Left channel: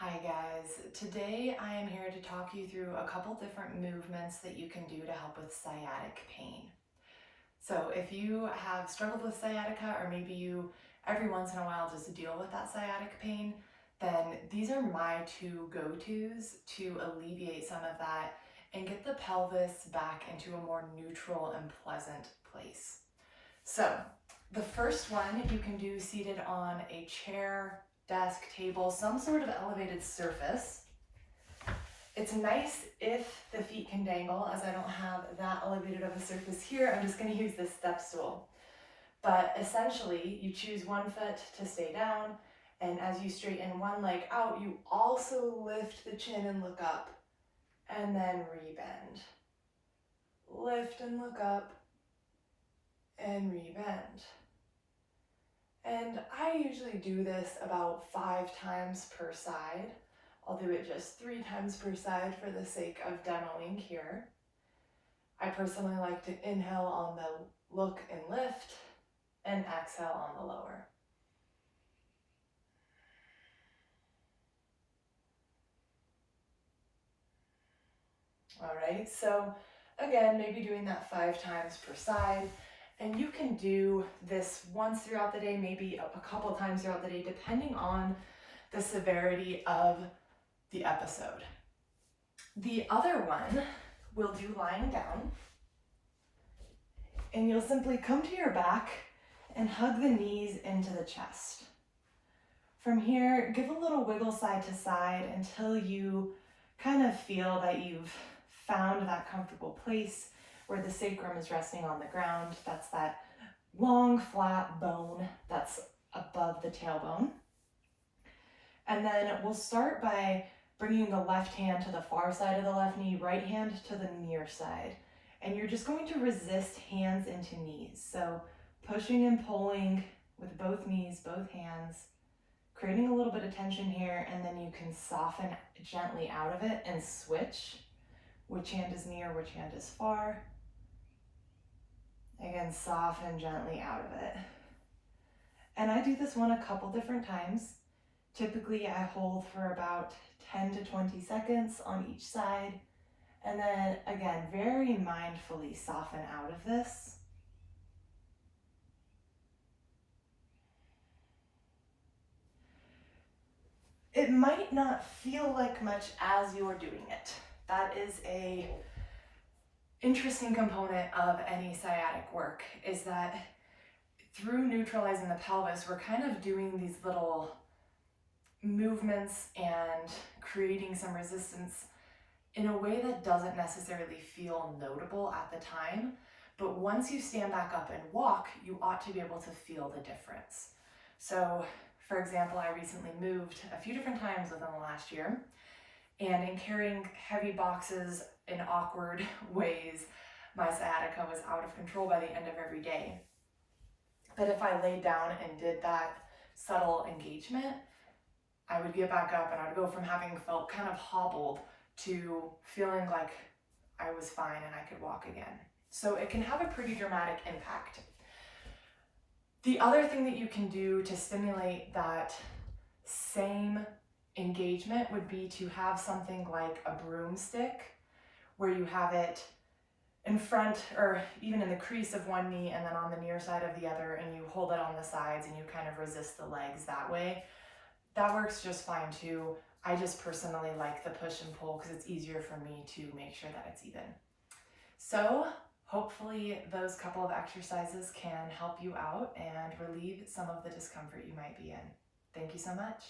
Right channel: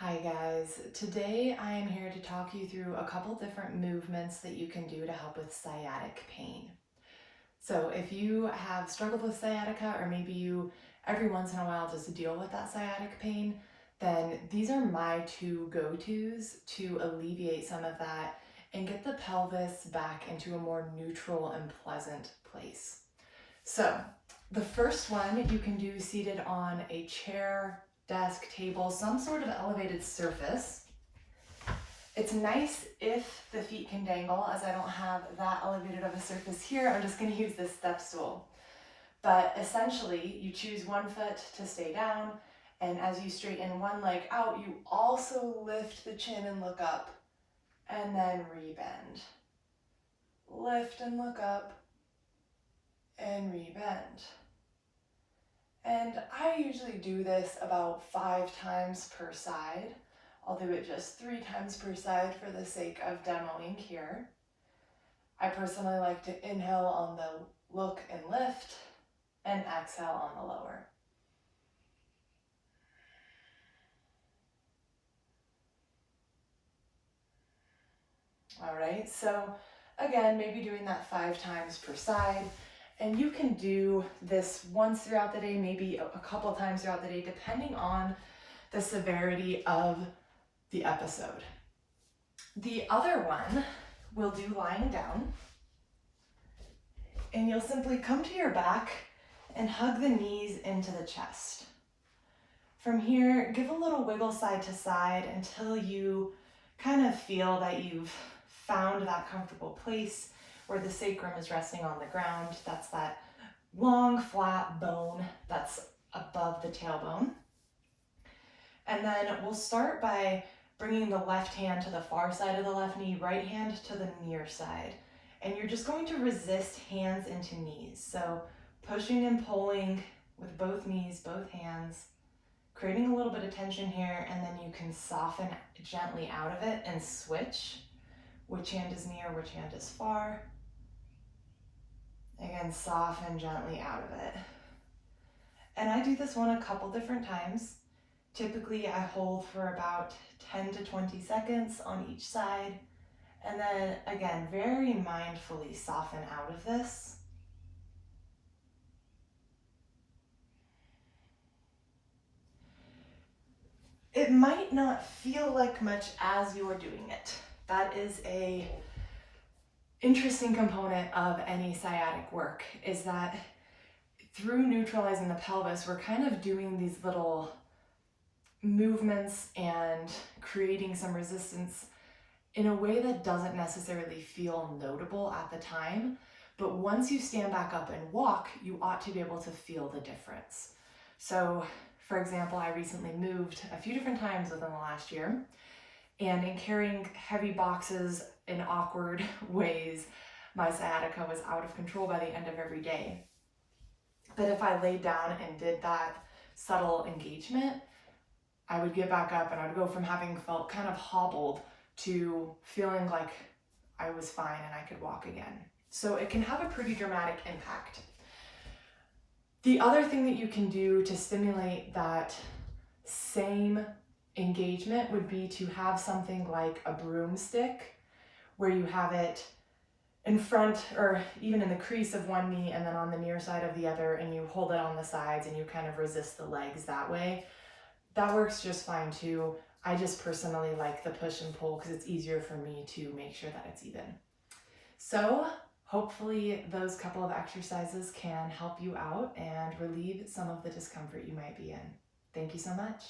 Hi guys, today I am here to talk you through a couple different movements that you can do to help with sciatic pain. So if you have struggled with sciatica, or maybe you every once in a while just deal with that sciatic pain, then these are my two go-tos to alleviate some of that and get the pelvis back into a more neutral and pleasant place. So the first one you can do seated on a chair, desk, table, some sort of elevated surface. It's nice if the feet can dangle, as I don't have that elevated of a surface here. I'm just going to use this step stool. But essentially, you choose one foot to stay down, and as you straighten one leg out, you also lift the chin and look up, and then rebend. Lift and look up, and rebend. And I usually do this about 5 times per side. I'll do it just 3 times per side for the sake of demoing here. I personally like to inhale on the look and lift and exhale on the lower. All right, so again, maybe doing that 5 times per side. And you can do this once throughout the day, maybe a couple times throughout the day, depending on the severity of the episode. The other one we'll do lying down, and you'll simply come to your back and hug the knees into the chest. From here, give a little wiggle side to side until you kind of feel that you've found that comfortable place where the sacrum is resting on the ground. That's that long, flat bone that's above the tailbone. And then we'll start by bringing the left hand to the far side of the left knee, right hand to the near side. And you're just going to resist hands into knees. So pushing and pulling with both knees, both hands, creating a little bit of tension here, and then you can soften gently out of it and switch. Which hand is near, which hand is far. Again, soften gently out of it. And I do this one a couple different times. Typically, I hold for about 10 to 20 seconds on each side. And then again, very mindfully soften out of this. It might not feel like much as you're doing it. That is a interesting component of any sciatic work, is that through neutralizing the pelvis, we're kind of doing these little movements and creating some resistance in a way that doesn't necessarily feel notable at the time. But once you stand back up and walk, you ought to be able to feel the difference. So, for example, I recently moved a few different times within the last year, and in carrying heavy boxes in awkward ways, my sciatica was out of control by the end of every day. But if I laid down and did that subtle engagement, I would get back up and I'd go from having felt kind of hobbled to feeling like I was fine and I could walk again. So it can have a pretty dramatic impact. The other thing that you can do to stimulate that same engagement would be to have something like a broomstick, where you have it in front or even in the crease of one knee and then on the near side of the other, and you hold it on the sides and you kind of resist the legs that way. That works just fine too. I just personally like the push and pull because it's easier for me to make sure that it's even. So hopefully those couple of exercises can help you out and relieve some of the discomfort you might be in. Thank you so much.